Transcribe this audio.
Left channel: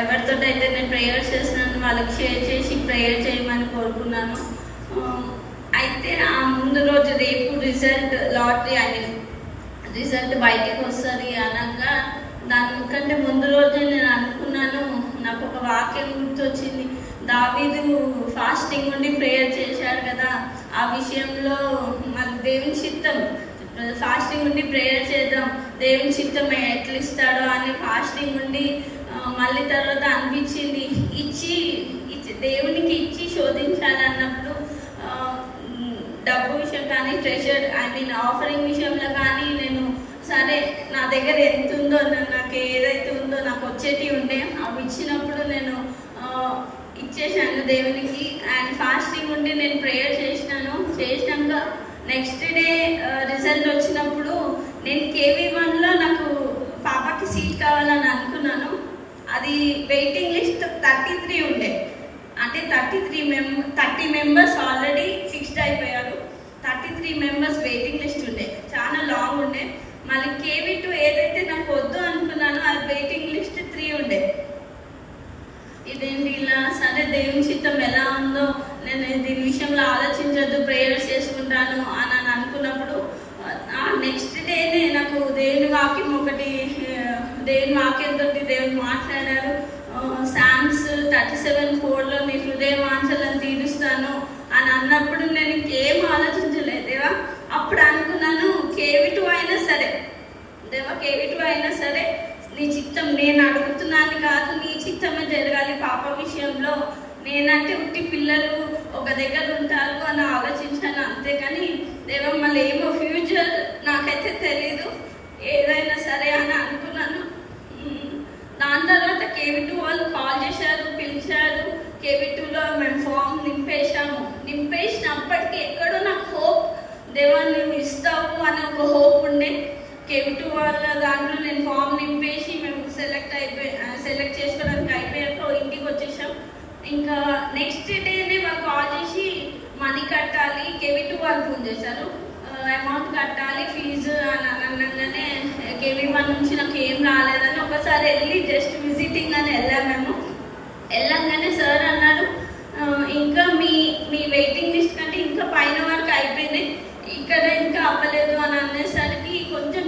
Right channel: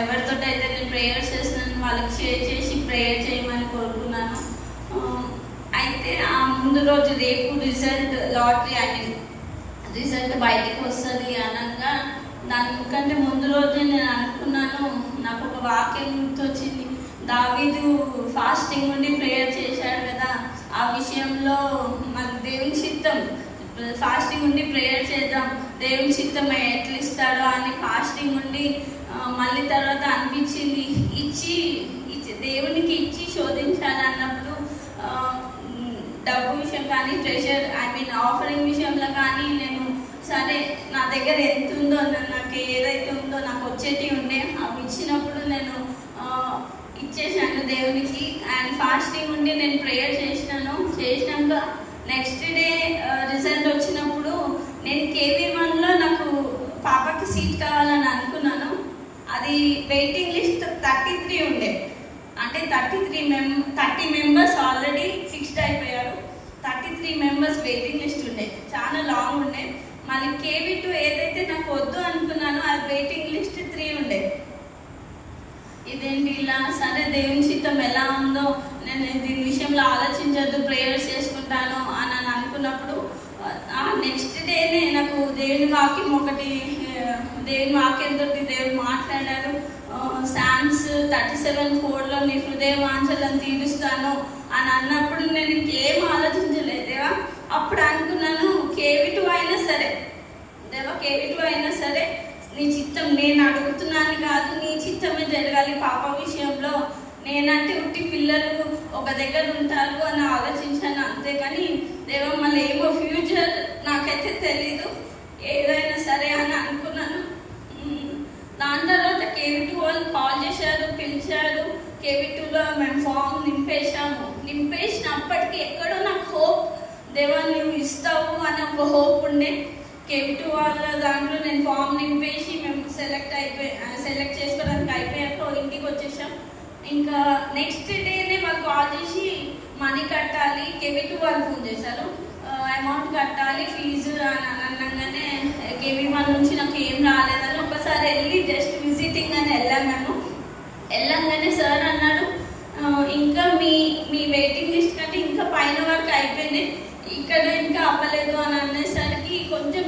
ఎవరితో అయితే నేను ప్రేయర్ చేస్తున్నాను వాళ్ళకి షేర్ చేసి ప్రేయర్ చేయమని కోరుకున్నాను. అయితే ఆ ముందు రోజు రేపు రిజల్ట్ లాటరీ రిజల్ట్ బయటికి వస్తుంది అనగా దానికంటే ముందు రోజే నేను అనుకున్నాను, నాకు ఒక వాక్యం గుర్తొచ్చింది. దావీదు ఫాస్టింగ్ ఉండి ప్రేయర్ చేశాడు కదా, ఆ విషయంలో మాకు దేవుని చిత్తం ఫాస్టింగ్ ఉండి ప్రేయర్ చేద్దాం, దేవుని చిత్తం ఎట్లా ఇస్తాడో అని ఫాస్టింగ్ ఉండి మళ్ళీ తర్వాత అనిపించింది ఇచ్చి దేవునికి ఇచ్చి శోధించాలన్నప్పుడు డబ్బు విషయం కానీ ట్రెషర్ ఆఫరింగ్ విషయంలో కానీ నేను సరే నా దగ్గర ఎంత ఉందో నాకు ఏదైతే ఉందో నాకు వచ్చేటి ఉండే అవి ఇచ్చినప్పుడు నేను ఇచ్చేసాను దేవునికి. అండ్ ఫాస్టింగ్ ఉండి నేను ప్రేయర్ చేసినాక నెక్స్ట్ డే రిజల్ట్ వచ్చినప్పుడు నేను KV1లో నాకు పాపకి సీట్ కావాలని అనుకున్నాను. అది వెయిటింగ్ లిస్ట్ 33 ఉండే, అంటే 30 మెంబర్స్ ఆల్రెడీ ఫిక్స్డ్ అయిపోయారు. 33 మెంబర్స్ వెయిటింగ్ లిస్ట్ ఉండే, చాలా లాంగ్ ఉండే. మళ్ళీ KV2 ఏదైతే నాకు వద్దు అనుకున్నానో అది వెయిటింగ్ లిస్ట్ 3 ఉండే. ఇదేంటి ఇలా, సరే దేవుని చిత్తం ఎలా ఉందో నేను దీని విషయంలో ఆలోచించద్దు, ప్రేయర్స్ చేసుకుంటాను అని అనుకున్నప్పుడు నెక్స్ట్ డేనే నాకు దేవుని వాక్యంతో దేవుడు మాట్లాడారు. సామ్స్ 37:4లో నీ హృదయ వాంఛలను తీరుస్తాను అని అన్నప్పుడు నేను ఇంకేం ఆలోచించలేదేవా. అప్పుడు అనుకున్నాను KV2 అయినా సరే దేవా, KV2 అయినా సరే నీ చిత్తం, నేను అడుగుతున్నాను కాదు నీ చిత్తమే జరగాలి పాప విషయంలో. నేనంటే ఉట్టి పిల్లలు ఒక దగ్గర ఉంటారు అని ఆలోచించాను అంతేకాని దేవా మళ్ళీ ఏమో ఫ్యూచర్ నాకైతే తెలీదు, ఏదైనా సరే అని అనుకున్నాను. దాని తర్వాత KV2 వాళ్ళు కాల్ చేశారు, పిలిచారు. KV2లో మేము ఫామ్ నింపేసినప్పటికీ ఎక్కడో నాకు హోప్, దేవా నువ్వు ఇస్తావు అనే ఒక హోప్ ఉండే. KV2 వాళ్ళ దాంట్లో నేను ఫామ్ నింపేసి మేము సెలెక్ట్ చేసుకోవడానికి అయిపోయాక ఇంటికి వచ్చేసాం. ఇంకా నెక్స్ట్ డేనే వాళ్ళు కాల్ చేసి మనీ కట్టాలి, KV2 వాళ్ళు ఫోన్ చేశారు, అమౌంట్ కట్టాలి ఫీజు అని అనగానే KV1 నుంచి నాకు ఏం రాలేదని ఒకసారి వెళ్ళి జస్ట్ విజిటింగ్ అని వెళ్ళంగానే సార్ అన్నాడు, ఇంకా మీ వెయిటింగ్ లిస్ట్ కంటే ఇంకా పైన వరకు అయిపోయింది, ఇక్కడ ఇంకా అవ్వలేదు అని అనేసరికి కొంచెం